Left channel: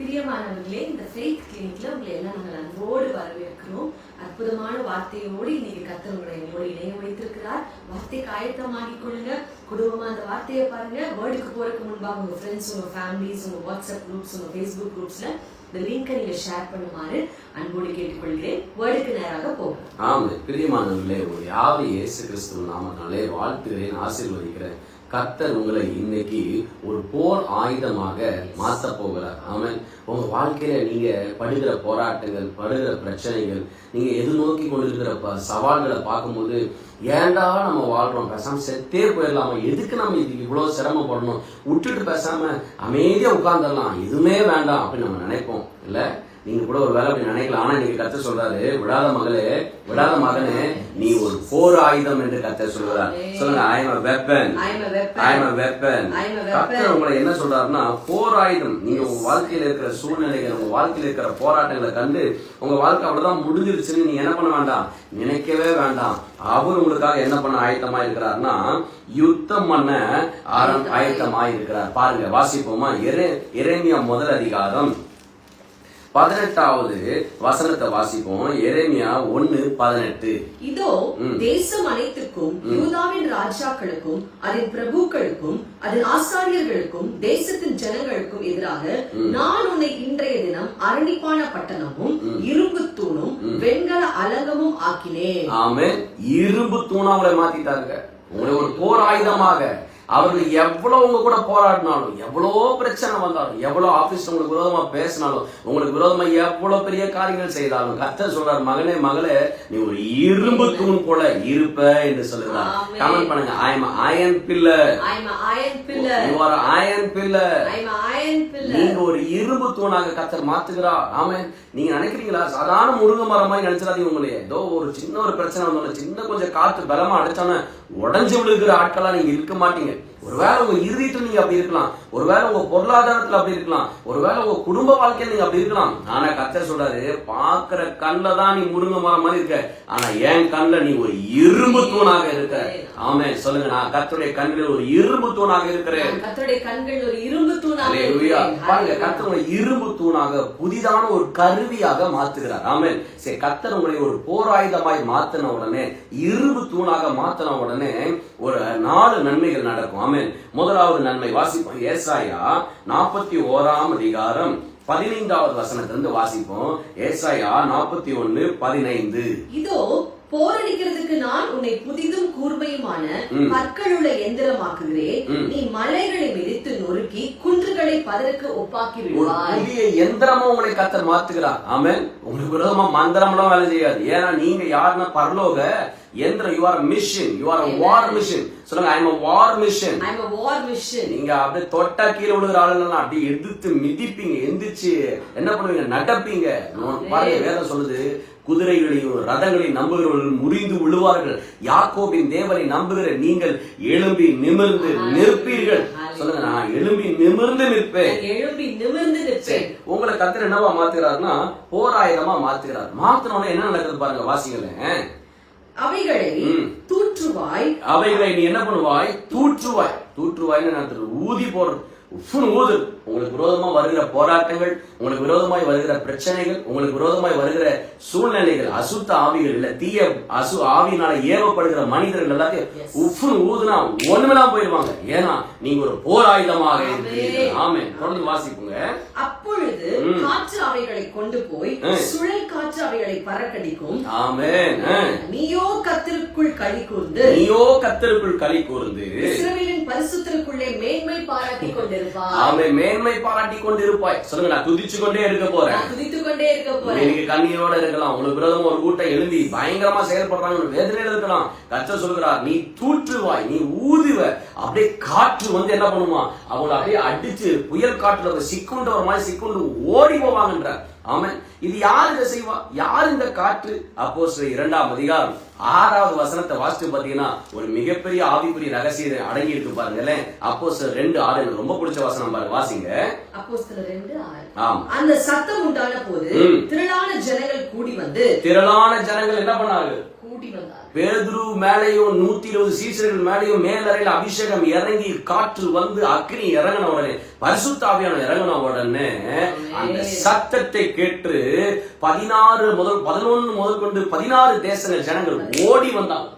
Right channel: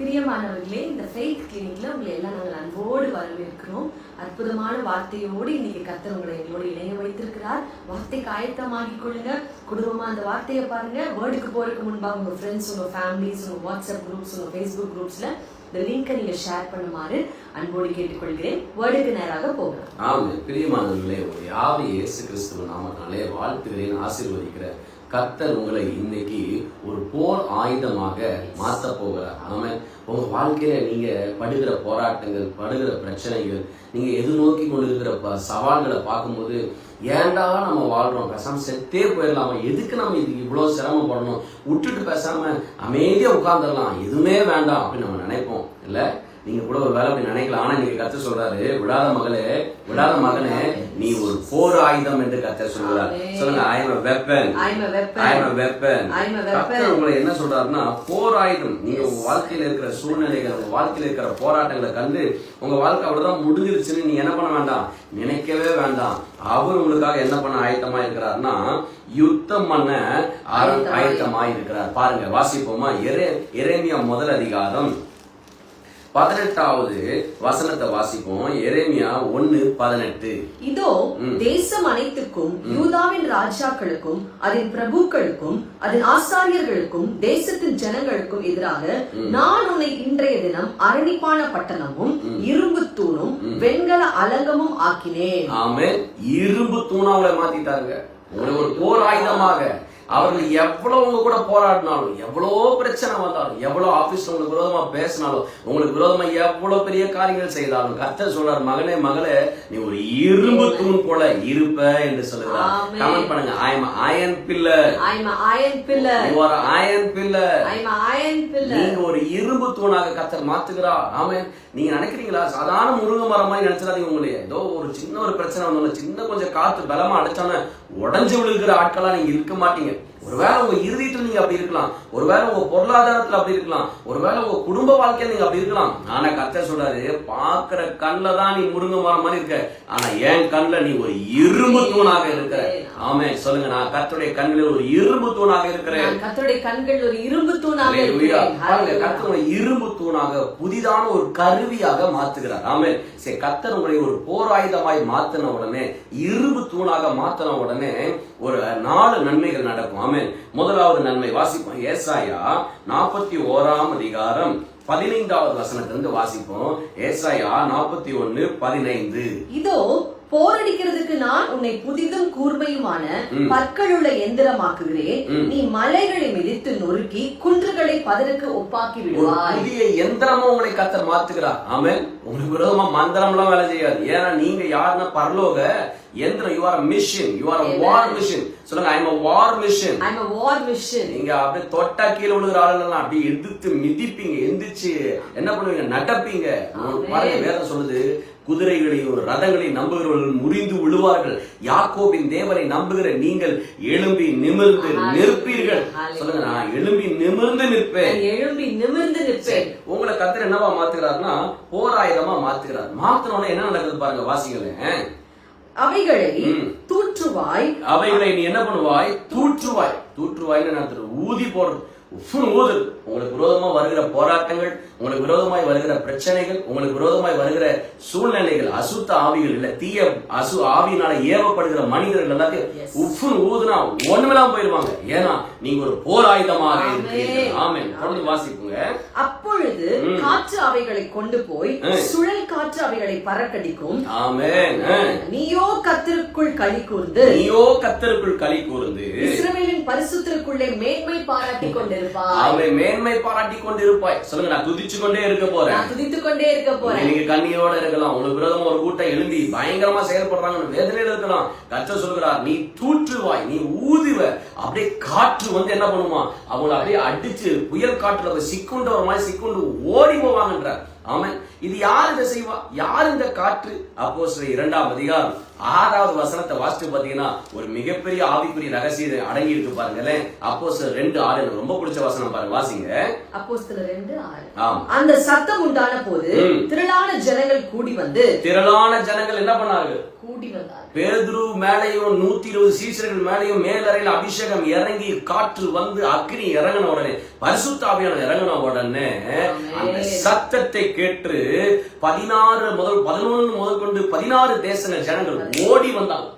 பிரியமானவர்களே இந்த ஃபெய்த் கிளினிக்ல உங்களை எல்லாம் நாங்கள் அன்போடு வரவேற்கிறோம். அற்புதமான வார்த்தையோடு இன்னைக்கு கத்தர் உங்களை எங்களோடு இணைய வைத்திருக்கிறார். வார்த்தைக்கு ஆயத்தமாகிக் கொள்ளுங்க. குடும்பமா அந்த வார்த்தையை பாருங்க. வேர்டுக்கு போறதுக்கு முன்பாக உங்க ஃப்ரெண்ட்ஸ் உங்க ஃபேமிலிஸ் உங்க வாட்ஸ்அப் குரூப்ஸ் உங்க ஃபேஸ்புக் குரூப்ஸ்ல இந்த லிங்கை நீங்க ஷேர் பண்ணுமாறு அன்போடு கேட்டுக்கொள்கிறேன். வேர்டுக்கு நேராக போகிறோம் ஆமாம் பிரியமானவர்களே உங்களை யாவை இயேசு கிறிஸ்துவ நாமத்தினாலே வாழ்த்துகிறேன் ஆசீர்வதிக்கிறேன். கர்த்தர் உங்களை இன்னைக்கு ஒரு போர் ஆயுதமாக மாற்ற போகிறார். ஆமாம் உங்க வாழ்க்கையில நீங்க படுகிற போராட்டங்கள் படுகிற பிரச்சனைகள் நீங்க எதிர்நோக்கி கொண்டிருக்கிற ப- சவால்களை பார்க்கும்போது ஏன்டா நம்ம வாழ்றோம்? பேசாம செத்தே போயிடலாமா? எதுக்கு நம்ம இதுக்கு இவ்வளவு சிரமப்படணும்? விட்டுட்டு பேசாம அமைதியா உட்கார்ந்துடலாம். எதுவுமே வேண்டாம் அப்படின்னு நம்ம நினைப்போம். இல்ல? நீங்க கூட ஒரு வேலை அப்படி நினைக்கலாம். ஆனா நீங்க கத்த சொல்றாரு விடாத மகளே விடாத மகனே நீ ஒரு போர் ஆயுதம் என்று கத்த சொல்கிறார் சொல்லுங்க I am weapon I'm a weapon. I am weapon. கத்தர் உங்களை என்ன சொல்றாருன்னா போர் ஆயுதம். நீங்க உங்க வாழ்க்கையில இருக்கிற சூழ்நிலைகள் உங்க வாழ்க்கையில இருக்கிற போராட்டங்களை கண்டு உங்க வாழ்க்கை அவ்வளவுதான் முடிஞ்சிருச்சுன்னு நீங்க என்ன பண்ண வேண்டாம்? நினைக்கவே வேண்டாம். அவர் உங்களுக்காக என்ன பண்ண ஆயத்தமா இருக்கிறார்னா யுத்தம் பண்ண ஆயத்தமா இருக்கிறார் பாருங்க வாசிப்போமா? எரே எரேமியா முதல் அதிகாரம். பதினெட்டாவது வசனத்தை வாசிப்போம். எரேமியா ஒன்னு பதினெட்டு. இதோ தேசம் அனைத்துக்கும் யூதாவின் ராஜாக்களுக்கும் அதன் பிரபுக்களுக்கும் அதன் ஆசாரியர்களுக்கும் தேசத்தின் ஜனங்களுக்கும் எதிராக நான் உன்னை இன்றைய தினம் அரணிப்பான பட்டணமும் இரும்பு தூணும் வெண்கல அலங்கமும் ஆக்கினேன். ஆமென். இரும்பு தூணா உங்களை ஒரு போர் ஆயுதமாக அவர்கள் எவ்வளவு உங்க கூட போராடினாலும் எவ்வளவு பிரச்சனை வந்தாலும் எவ்வளவு ஆபீஸ்ல உங்களுக்கு விரோதமா பேசினாலும் உங்களுக்கு விரோதமா எவ்வளவு பெரிய காரியங்கள் செய்தாலும் கர்த்தர் சொல்றார் மகனே மகளே நீ ஒரு இரும்பு தூண் போல இருப்ப என்று சொல்லுகிறார். கமெண்ட் பண்ணுங்க. I am iron pillar are iron pillar. நீங்க ஒரு இரும்பு தூணாக கத்தர் மாத்துகிறார் ஆமென். நீங்க நினைக்கிறீங்களா? சாதாரண முருங்கை மரம் மாதிரி நினைச்சிடாதீங்க உங்களையே. ஏதோ ஒரு சின்ன ஒரு பிரச்சனை வந்தாலும் சின்ன கொஞ்சம் காத்து பலமா அடிச்சாம உடஞ்சு விழுகிற ஆட்களா நீங்க இருக்க மாட்டீங்க. ஒருவேளை உங்க இருதயத்துல நீங்க அப்படி இருக்கலாம். ஒருவேளை உங்க பொருளாதாரத்துல அப்படி இருக்கலாம். ஒருவேளை உங்க குடும்ப வாழ்க்கையில நீங்க அப்படி இருக்கலாம். ஆனா கத்தர் சொல்றாரு பாக்குற கண்ணுல தான் நீ முருங்கை மரம் மாதிரி இருக்க. ஆனா என் கண்ணுல நீ ஒரு இரும்பு தூணாக இருக்க. ஆமென். சொல்லுங்க நான் கர்த்தருடைய கண்ணில் ஒரு இரும்பு தூணாக இருக்கிறேன். நான் கர்த்தருடைய கண்கள் ஒரு இரும்பு தூணாக. பாருங்க உங்களை இரும்பு தூணாக புதிதான ஒரு கருவியாக மாத்துகிறார் ஆமென். சரி கர்த்தர் உங்களை ஒரு போராயுதமாய் மாத்தின உடனே இரும்பு தூணாக மாத்தின உடனே ஒரு நாலு நன்மைகள் நடக்கும். ஆமேன் முதலாவது நன்மை வாசிப்போம். ஏசாயா நாற்பத்தி ஓராம் அதிகாரம் பதினைந்தாவது வசனத்திலிருந்து வாசிப்போம். ஏசாயா நாற்பத்தி ஒன்னு பதினைந்து. இதோ போரடிக்கிறதுக்கு நான் உன்னை புதிதும் கூர்மையுமான பற்களுள்ள எந்திரமாக்குகிறேன். நீ மலைகளை மிதித்து நொறுக்கி குன்றுகளை பதருக்கு ஒப்பாக்கி விடுவாய். புதிய எந்திரமா உங்களை கத்தர் மாத்துகிறார் ஆமென். உங்களுக்கு விரோதமா மந்திரம் எல்லாம் வேலை செய்யாது. ஏன்னா நீங்க யாருன்னா பரலோக எந்திரம் you are machine you are war machine சொல்லுங்க I am war machine I'm a war machine. நீங்க அப்படியே தொட்டா கீழே விழுகிற ஆளுங்கெல்லாம் அப்படியே எதிர்த்து மிதிப்பீங்க எந்திரிச்சு என்ன பண்ணுவீங்க? நடப்பீங்க பாருங்க வேதம் சொல்லுது குதிரைகளையும் ரதங்களையும் நம்புகிறவர்கள் முறிந்து விழுவார்கள். யாக்கோபின் தேவனை நம்புகிற நீங்கள் எழும்பி நிமிர்ந்து நிற்பீர்கள். சொல்லுங்க நான் எழும்பி நிமிர்ந்து நிற்பேன். எழும்பி நிமிர்ந்து நிற்பேன். உங்களை கத்தர் என்னவா மாத்துகிறாருன்னா போராயுதமா மாத்துகிறார். மாத்தினோட என்ன நடக்குது பாருங்க வாசிங்களேன் அவைகளை. தூற்றுவாய். அவைகளை நீ என்ன பண்ணுவாய்? தூற்றுவாய். தூற்றுவாய்ன்னு நடத்துறது ஊதி போறது உஃப்னு ஊது உங்களுக்கு விரோதமா வருகிற போராட்டங்கள் உங்களுக்கு விரோதமாய் வருகிற பிரச்சனைகள் உங்களுக்கு விரோதமாய் வருகிற சூழ்நிலைகள் அசுத்த ஆவிகள் இல்ல தீய அசு ஆவியினால ஏவப்படுகிற மனிதர்கள் எல்லாத்தையும் உஃப்னு ஊதுனா ஒண்ணுமெல்லாம் போயிருவாங்க ஏன்னா நீங்க ஒரு போராயுதமாக இருக்கிறீர்கள். ஆமென். தொடர்ந்து வாசிப்புங்க. அப்பொழுது காற்று அவைகளை கொண்டு போய் சுழல் காற்று அவைகளை பறக்கடிக்கும். ஆமென். ஆ. நீயோ கத்திற்குள் களி கூர்ந்து நீயோ கத்தருக்குள் களி கூர்ந்து இஸ்ரவேலின் பரிசுத்திற்குள்ளே மேன்மை பாராட்டிக் கொண்டிருப்பாய். ஆமை மேன்மை பாராட்டி கொண்டு இருப்பாய் சொல்லுங்க நான் துதிச்சு கொண்டே இருக்க போறேன். நான் துதித்துக் கொண்டே இருக்க போறேன். நீங்க கண்ணீரோட இருக்கலாம். உங்களுக்கு விரோதமா ஒரு கூட்டம் எழும்பி பயங்கரமா செயல்படுறாங்கன்னு வேதனையில இருக்கலாம். கர்த்தர் சொல்கிறார் நீ தூற்றுவாய் நீ ஊதுவ. அப்படியே காற்று வந்து என்ன பண்ணுமா? அவங்கள அப்படியே அடிச்சு புயல் காற்றுல போய் சிக்குண்டு ஒரு மாதிரி சிக்குண்டு ஓடி போவாங்கன்ற ஆமென். இது யார் இதை செய்வா? யார் இந்த காற்று? அப்போ இரண்டாம் அதிகாரம் ஆறாவது வசனத்தை வாசிச்சு பாத்தீங்கன்னா ஒரு மிகப்பெரிய ஆவிக்குரிய ரகசியம் அடங்கி இருக்கு பாருங்களேன். அப்போ ரெண்டு ஆறு எனக்கு ரொம்ப பிடிச்ச வசனம் பாருங்க வாசிங்க. அப்போஸ்தலர் ரெண்டு ஆறு. அந்த சத்தம் உண்டான போது. திரளான ஜனங்கள் கூடி வந்து திரளான ஜனங்கள் என்ன பண்ணார்கள்? கூடி வந்தார்கள். பேதுரு மேலையும் நூத்தி இருபது சீசர்கள் மேலையும் மேலறையில் அபிஷேகம் இறங்கி காற்று வந்து அக்னி இறங்கின உடனே பரிசுத்தாவியான இறங்கின உடனே அந்த சத்தத்தை கேட்டு பதினாறு முதல் பதினொன்னு முதல் கொண்டு பதினாறு தேசங்கள் ஜனங்கள் ஓடி வந்தாங்க.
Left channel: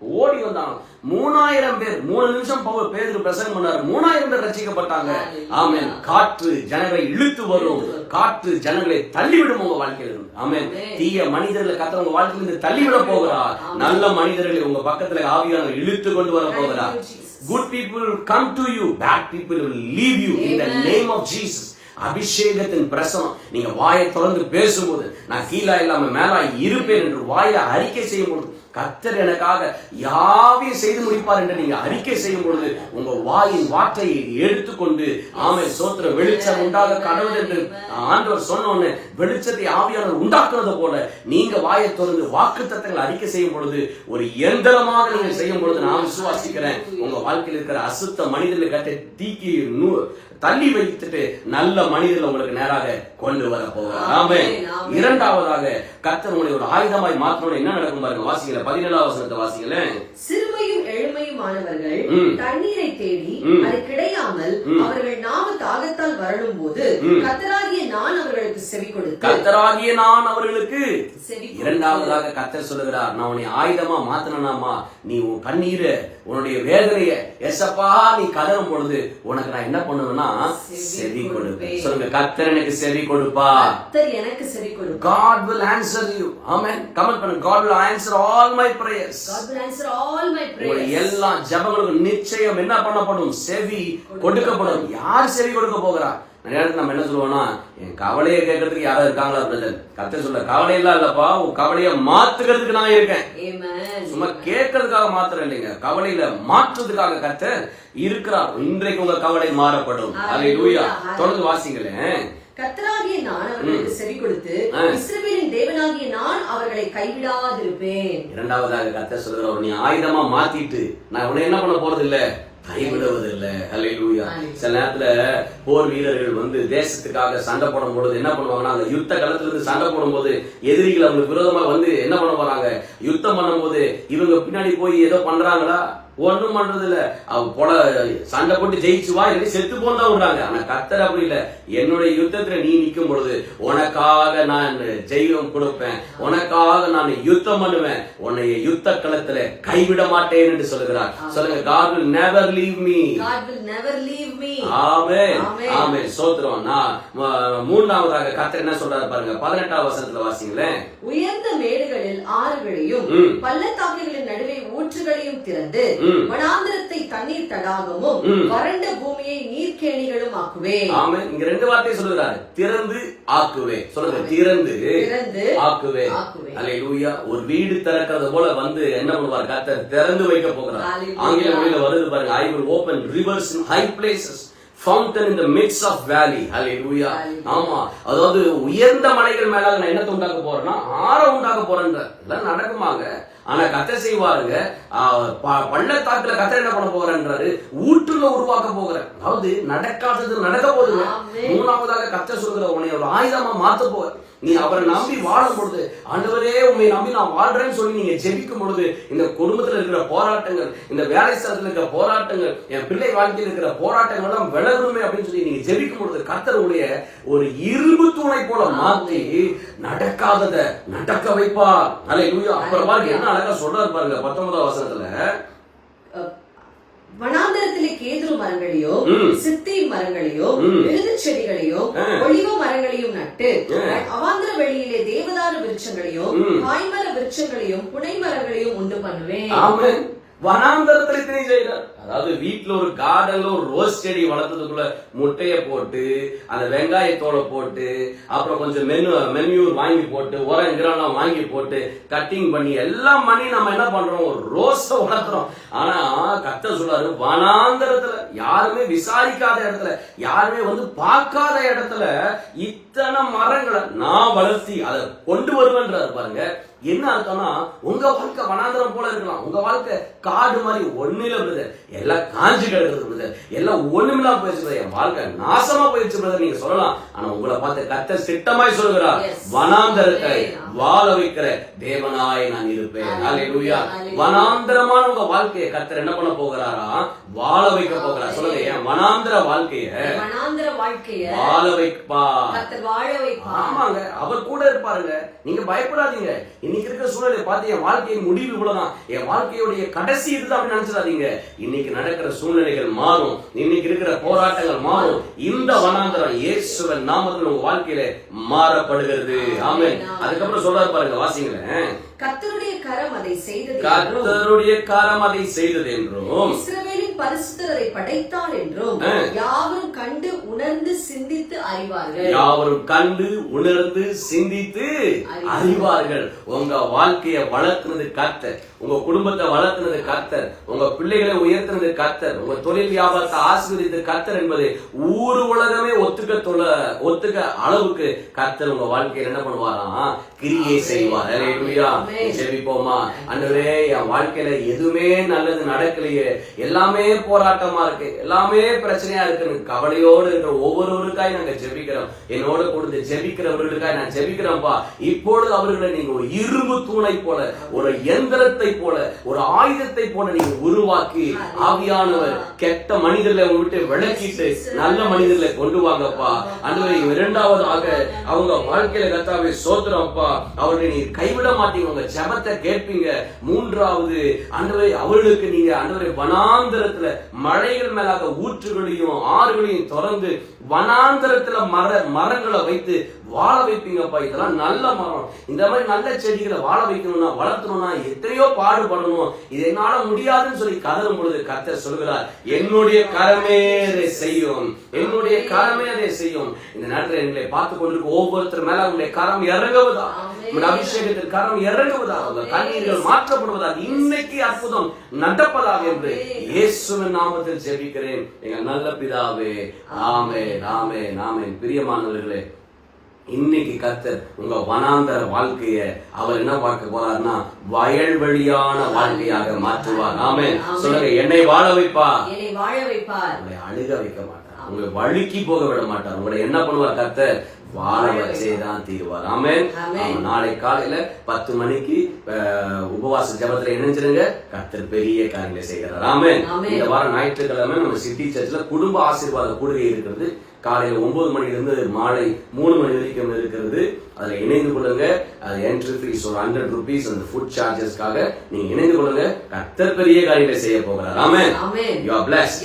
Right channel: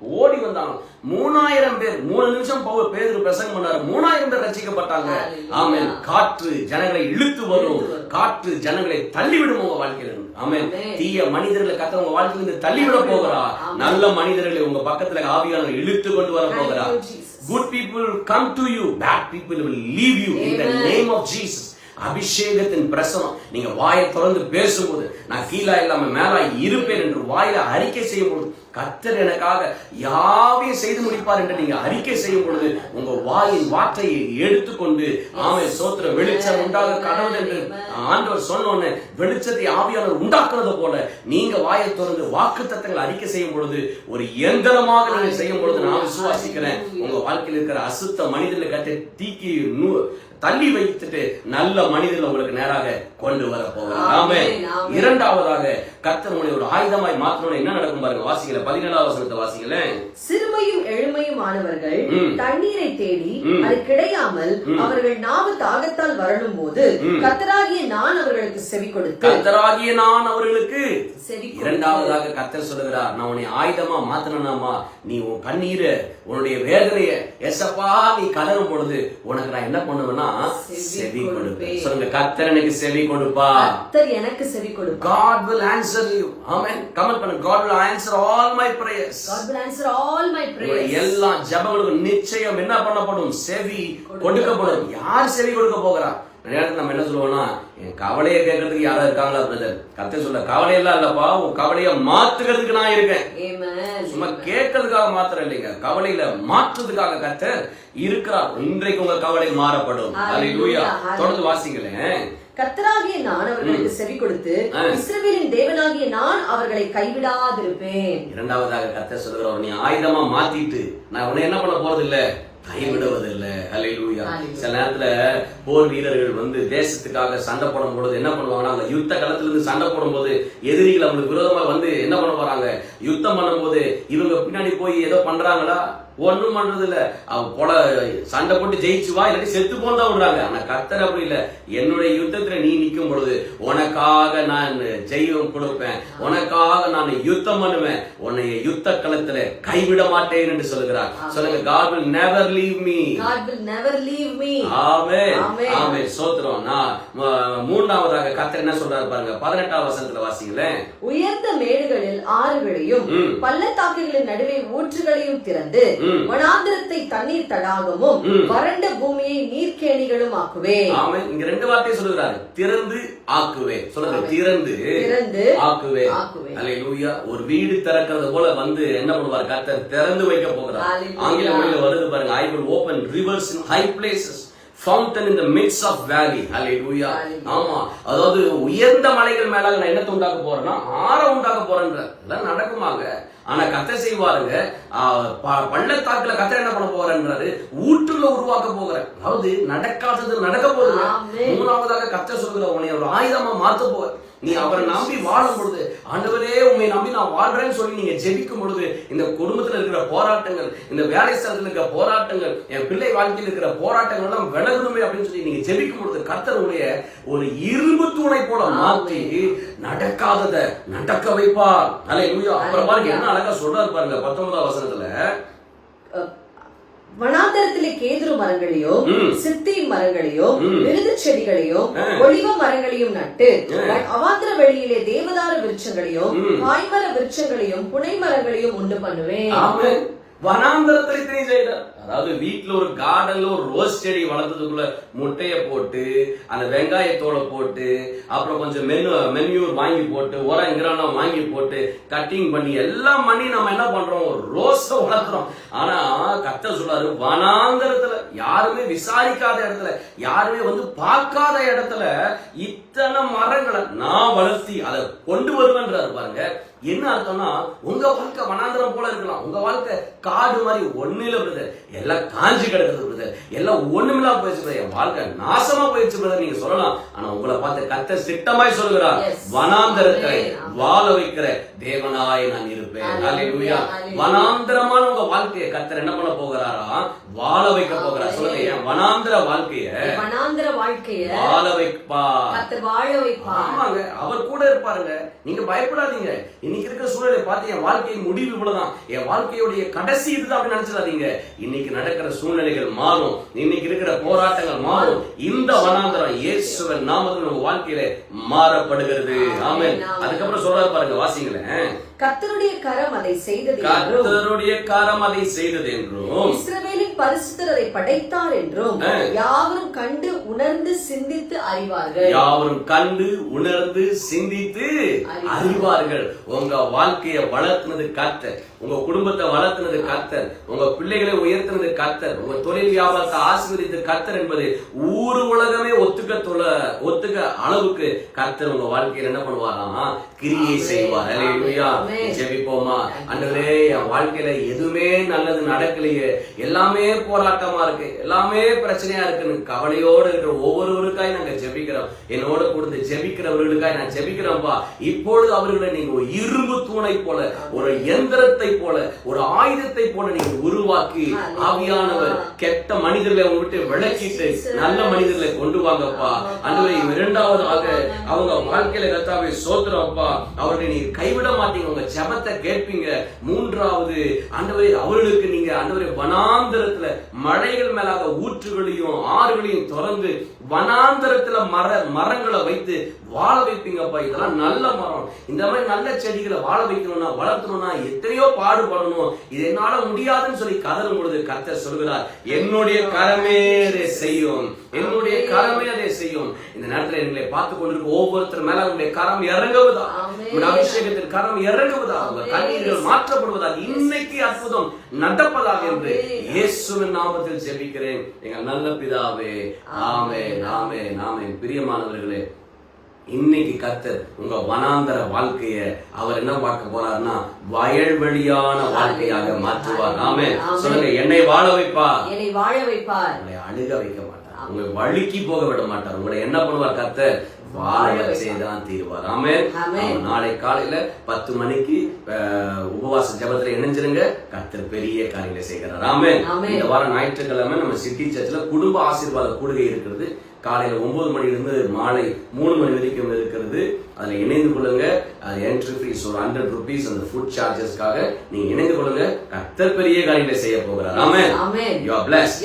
ஓடி வந்தாங்க. மூணாயிரம் பேர் மூணு நிமிஷம் பேதுரு பிரசங்கம் பண்ணாரு. மூணாயிரம் பேர் ரசிக்கப்பட்டாங்க ஆமென். காற்று ஜனங்களை இழுத்து வரும். காற்று ஜனங்களை தள்ளிவிடும் உங்க வாழ்க்கையில இருந்து. ஆமென். தீய மனிதர்களை கத்த உங்க வாழ்க்கையில இருந்து தள்ளிவிட போகிறார். நல்ல மனிதர்களை உங்க பக்கத்துல ஆவியானவர் இழுத்து கொண்டு வர போகிறார். Good people come to you bad people leave you. In the name of Jesus. அபிஷேகத்தின் பிரசனம். நீங்க வாயை திறந்து பேசும்போது நான் கீழா இல்லாம மேலா இருப்பேன் என்று வாயில அறிக்கை செய்யும் பொழுது கத்தர் எனக்காக யாவையும் செய்து முடிப்பார் என்று நீங்க அறிக்கை செய்யும் பொழுது உங்க வாயின் வார்த்தையை எடுத்துக்கொண்டு ஆமை சோத்திர வெளிச்சம் உண்டாக கடவுள் என்று ஆண்டவர் சொன்ன வெளிச்சத்தை ஆவியாளர் உண்டாக்குறது போல நீங்க வாயை திறந்து வாக்கு தத்தங்களை அறிக்கை செய்யும் பொழுது ஒரு எந்திரமாக நீங்க செய்யும் பொழுது நான் விசுவாசிக்கிறேன். உங்க வாழ்க்கையில் இருக்கிற அசுத்த மனிதர்களை கட்ட தீக்கி நூ- தள்ளி வைத்துட்டு நல்ல மனிதர்கள் உங்களுக்கு நேராக கொண்டு வர போகிறார் ஆமே இரண்டாவதாக கர்த்தர் உங்களை ஒரு ஆயுதமாய் மாற்றணும் என்ன நடக்கும் பாருங்க? வாசிக்கல பதினேழாவது வசனத்தை வாசிங்களேன். சிறுமையும் எழுமையுமானவர்கள். தண்ணீரை தேடி. அது கிடையாமல் அவர்கள் நாவு தாகத்தால் வரலும் போது கத்தராகிய நான் அவர்களுக்கு செவி கொடுத்து கர்த்தராகிய நான் அவர்களுக்கு. இரண்டாவதாக கர்த்தர் சொல்லுகிறார் நான் உன்னை ஆயுதமா மாத்தணும்னாமா நீ உன் கண்ணீரை உன்னுடைய வேதனைய எசப்பா நீ கதறும் பொழுது உனக்கு நான் என்ன பண்ணுவேன்னா செவி கொடுப்பேன் சொல்லுங்க கர்த்தர் எனக்கு செவி கொடுப்பா கத்தர் எனக்கு செவி கொடுப்பார் God will answer you. Amen. Comment பண்ணுங்க. God will answer all my prayers. God will answer all my prayers. எல்லா ஜெபங்களுக்கும் நிச்சயம் என்ன பண்ணப்படும் செவி கொடுக்கப்படும் யார் செவி கொடுக்க போகிறா நேரத்துல நம்ம என்ன சொல்லுவோம்னா என் கவலையை கேட்கறதுக்கு யாரா இருக்காங்களா பிரதர் கத்த சொல்ல கவலையெல்லாம் இல்லப்பா உன் கவலையை மாத்துக்கிறதுக்கு நான் இருக்கேன். சும்மா கேட்கறதுக்காக மாத்திரம் இல்லைங்க கவலையில மாற்றுறதுக்காக கத்தர் இருக்கிறார். இன்றைக்கு உங்க கவலை மாறப்படும். அல்லேலூயா தொடர்ந்து வாசிங்களேன். கத்தராகிய நான் அவர்களுக்கு செவி கொடுத்து. இஸ்ரவேலின் தேவனாகிய நான் அவர்களை கைவிடாதிருப்பேன். இரண்டாவதாக கர்த்தர் சொல்லுகிறவர் நீ ஆயுதமா மாத்திட்டு நான் உன்னை என்ன பண்ண போறது இல்ல கைவிடுவதில்ல ஹalleluya. சில நேரத்துல போர் வீரர்கள் வந்து தேசத்துக்காக சண்டை போடும் பொழுது என்ன பண்ணுவாங்கன்னா அந்த யுத்த களத்துல இருந்து சண்டை போடும்போது எதிரிகள் அவங்களுக்கு விரோதமா வந்து என்ன பண்ண போறாங்க? யுத்தம் பண்ணும்போது இவங்க பின்னாடி போய் ஏதோ பண்றாங்களா? ஒண்ணும் பண்றது இல்ல அவ போல சண்டை போட்டு ஜெயிச்சு வா இல்லாட்டி செத்து போன்னு தான் விடுறாங்க. ஆனா கத்தர் அப்படி இல்ல. என்னுடைய யுத்தத்துல நீ நிக்கும் பொழுது உனக்காக நான் ஜெயம் கொடுப்பேன். உனக்காக நான் யுத்தம் பண்ணுவேன். உன்னைய யுத்த களத்துல கைவிட மாட்டேன் என்று சொல்லுகிறார். சொல்லுங்க God will never leave me. God will never leave me. ஆமென். ஆமென். ஆமென். சோத்திரம். நான் ம- மூன்றாவதாக கத்தர் என்ன சொல்றாரு பாருங்க. பதினெட்டாம் வசனத்துல வாசிங்களேன். உயர்ந்த மேடுகளில் ஆறுகளையும் ம். பள்ளத்தாக்குகளின் நடுவே ஊற்றுகளையும் திறந்து ம். வனாந்திரத்தை தண்ணீர் தடாகமும். வறண்ட பூமியை நீர்க்கேணிகளும் ஆக்குவேன். ஆமென் இங்க ரெண்டு வார்த்தையை சொல்லுகிறாரு. திறந்து ஆக்குவே சொல்லுங்க திறந்து திறந்து ஆக்குவே ஆக்குவேன். அல்லேலூயா ஒரு வீடு திறக்கிறது போல வந்து என்ன பண்ணுவார்? கர்த்தர் திறந்து வைக்க போகிறார். ஆங்கில மொழியில வருது பாருங்க I will open rivers in high places fountain in the midst of valley hallelujah Hallelujah. ஆமா அதாவது உயர்ந்த மலைகள் மேல நான் என்னத்தை உண்டாக்க போறேன்னா ஆற உண்டாக்க போறேன்ற இதெல்லாம் நடக்குமாங்க? ஆனா கத்த செய்வாருங்க. பள்ளத்தாக்குல கத்த என்ன பண்ண போறேன்றாரு ஊற்றுல உருவாக்க போகிறேன் அதாவது நடக்காதது நடக்க போகுதுங்க. மூணாவதாக கத்த சொல்கிற உன்னை ஒரு ஆயுதமா மாத்த போற நீ அவரை நம்பி வாழும் பொழுது ஆண்டவரே உண்மை நம்பி நான் வாழ்றேன்னு சொல்லி நீங்க ஜெபிக்கும் பொழுது இந்த குடும்பத்துல இருக்கிற போராட்டங்கள் இந்த வேலை ஸ்தலத்தில் இருக்கிற போராட்டங்கள் என் பிள்ளை வாழ்க்கையில் இருக்கிற போராட்டங்கள் எல்லாம் விலகணுமே அப்படின்னு சொல்லி நீங்க ஜெபிக்கும் பொழுது கர்த்தருடைய ஒரு இரும்பு தூணை போல மாத்தி நடக்காதத நடக்க வைப்பார். அல்ல அப்புறம் பாருங்க என்ன அழகா சொல்றாரு பாருங்க பத்தொன்பதாம் வசனத்துல. வனாந்தரத்திலே கேதுரு மரங்களையும் ம். சித்தி மரங்களையும் ம். விருது செடிகளையும் ஆ. ஒளிவ மரங்களையும் நட்டு. அவாந்திர வெளியிலே தேவதார விருட்சங்களையும். காய்மர விருட்சங்களையும் புனை மரங்களையும் உண்டு பண்ணுவேன் வனாந்தரத்துல இத்தனையும் செய்யறார் அதாவது வீட்டுல ஒரு கார்டன்ல ஒரு ரோஸ் செடி வளர்த்ததுக்குள்ள முட்டைய போட்டு அந்த வெங்காயத்தோட போட்டு அப்புறம் கொஞ்சம் மெனு மென்யூர் வாங்கி போட்டு உரம் கிரலாம் வாங்கி போட்டு கட்டிங் பண்ணி எல்லாம் பண்ணி நம்ம என்ன பண்றோம்? ஒரு ரோஸ வளர்த்துறோம் ஆனா கத்த சொல்றாரு வனாந்தரத்துல யாருமே விசாரிக்காத இடத்துல யாருமே வந்து பார்க்காத இடத்துல இத்தனை மரங்களை நான் வளர்த்தி அதை கொண்டு வருவேன்றாரு பாருங்க. என்ன அர்த்தம்னா உங்க வாழ்க்கை வனாந்தரம் போல இருக்கலாம். உங்க வாழ்க்கை காடு மாதிரி ஒண்ணு இல்ல பிரதர் எல்லாம் காஞ்சி கிடக்குது பிரதர் எல்லாம் ஒண்ணுமில்லாம போயிடுச்சு brother. என் வாழ்க்கை நாசமா போயிடுச்சு பிரதர் நீங்க சொல்லலாம். ஆனா உங்களை பார்த்து கத்த சிட்டமாய் சொல்லுகிறார். வனாந்தரத்தை. வாழ வைக்கிற தேவனாய் நான் இருப்பேன். வனாந்தரமான உங்க வாழ்க்கையை கத்தர் என்ன பண்ண போகிறாரா? வாழ வைக்க போகிறார். சொல்லுங்க என் வனாந்தர வாழ்க்கைய வனாந்திர வாழ்க்கைய வாழ வைப்பா ஆமாங்க. அவர் கூட இருப்பாருங்க. நீங்க பயப்படாதீங்க. இன்னைக்கு இருக்கிற சூழ்நிலை பார்த்து என் வாழ்க்கையின் முடிவு இவ்வளவுதான். என் வாழ்க்கையுடைய கடைசி இதுதான் அப்படி நினைச்சிடாதீங்க. இன்னைக்கு நடக்கிற சூழ்நிலைகள் மாறும். இன்னைக்கு இருக்கிற போராட்டங்கள் மாறும். இந்த வனாந்தரம் இயேசுவன் நாமத்தில் உங்க வாழ்க்கையில மாறப்படுகிறது. ஆமென். அதுக்கப்புறம் சொல்றாரு பாருங்க வாசிங்களேன். கர்த்தருடைய கரம் அதை செய்தது என்றும் கர்த்தருடைய காரம் அதை செய்தது என்றும் இஸ்ரவேலின் பரிசுத்தர் அதை படைத்தார் என்றும். யாவரும் கண்டு உணர்ந்து சிந்தித்து அறிவார்கள். யாவரும் கண்டு உணர்ந்து சிந்தித்து அறிவார்கள். உங்க வாழ்க்கையை வளர்த்துனது கர்த்தர். உங்க குடும்பத்தை வளர்த்துனது கர்த்தர். உங்க பிள்ளைகளை உயர்த்தினது கர்த்தர். உங்க தொழில் வியாபாரத்தை ஆசீர்வதித்து கர்த்தர் என்பது ஊரு உலகமே ஒத்துக்க தொல ஒத்துக்க அளவுக்கு கர்த்தர் உங்க வாழ்க்கையில என்ன பண்ணுவாராம் கிரியை செய்வார். ஜெபிப்போமா? அன்றுவே என் வாழ்க்கையில எதுவுமே நல்லது நடக்கலையே. எல்லாமே போராட்டமா இருக்கு. எல்லாமே பிரச்சனையா இருக்குன்னு கவலையோடு இருக்கிற ஒவ்வொருவருக்காய் நாங்க ஜெபிக்கிறோம். என்னோட கொடுத்து ஜெபிக்கிறவர்களுக்காய் நான் ஜெபிக்கிறோம்ப்பா இப்பொழுது அவர்களை நீங்க ஒரு இரும்பு தூணை போல ஒரு எந்திரத்தை போல ஒரு ஆயுதத்தை போல நீங்க உருவாக்கி ஆவியானவர் கெட்ட மனிதர்களை உங்க விட்டு விளக்கிட்டு நல்ல மனிதர்களை கொண்டு வாங்கப்பா. அன்றுவரை இரண்டாவதாக அவங்க வாழ்க்கையில கர்த்தாவை சோத்துறப்பா அவர்களை நீ கைவிட மாட்டீங்க. உங்க ஜெபத்தை கேட்பீங்க. மூன்றாவது ஆண்டவரை அவர்களுக்கு நீங்க ஆண்டவரை வனாந்தரத்துல மழைகள் மேலாக ஊற்றுகளையும் ஆறுகளையும் திறந்து வனாந்தரத்துல மர மரங்களை வைத்து வாழ வைப்பீங்கப்பா. இதெல்லாம் நல்ல மரம். இந்த மாதிரி நல்ல செடிகளை வாழ வைக்கணும்னா வளர்த்தணும்னா எத்தனையோ பாடுபடணும். இது என்னால முடியாதுன்னு சொல்லி கதறும் பொழுது கர்த்தர் சொல்கிறார் என்னுடைய கரமே அதை செய்யும். என்னுடைய கரமே அதை செய்யும். இந்த நேரத்தில் எங்களை பார்த்து கொண்டிருக்க ஒவ்வொருத்தர் மேல உங்களுடைய கரம் இறங்குவதா? உங்களுடைய அபிஷேகத்தின் கரம் இறங்குவதா? உங்க கண்ணீர்கள் மாற்றப்படுவதா இன்னைக்கு அற்புதம் நடப்பதாக என்று இயேசுவின் நாமத்தில் ஜெபிக்கிறேன். எங்கள் நல்ல பிதாவே ஆமே ஆமே ஆமே பிரியமானவர்களே இன்னைக்கு கர்த்தர் உங்க வனாந்தர வாழ்க்கைய அவர் என்ன பார்க்க போறாருன்னா வயல்வெளியான வாழ்க்கையாக மாற்றுவார். ஆமே சொல்லுங்க என்னை வாழ வைப்பா என்னை வாழ வைப்பார். உங்களை அழுக வைக்க மாட்டார். உங்களை வழுக்கி போக விட மாட்டார். உங்களை என்ன பண்ணுவார் கர்த்தர்? வாழ வச்சே தான் தீருவார். ஆமே. நாளை காலையில பத்து மணிக்கு உபவாச ஜெபத்துல இணைஞ்சிருங்க கர்த்தர் பெரிய காரியங்களை செய்கிறார். ஆமென். இந்த வாரம் ஞாயிற்றுக்கிழமை நம்ம சிட்டி சர்ச்சில் குடும்ப ஆசீர்வாத கூடுகை இருக்கிறது. காலையில ஒன்பது மணிலிருந்து மாலை மூணு மணி வரைக்கும் இருக்கிறது. அதுல இணைந்து கொள்ளுங்க. அது என்ட்ரி ஃபீஸ் ஒரு ஹண்ட்ரட் ருபீஸ் அந்த ஃபுட் சார்ஜஸ்க்காக நீங்க இணைந்து கொள்ளுங்க. கர்த்தர் பெரிய காரியங்களை செய்ய போகிறார். ஆமென். You are plus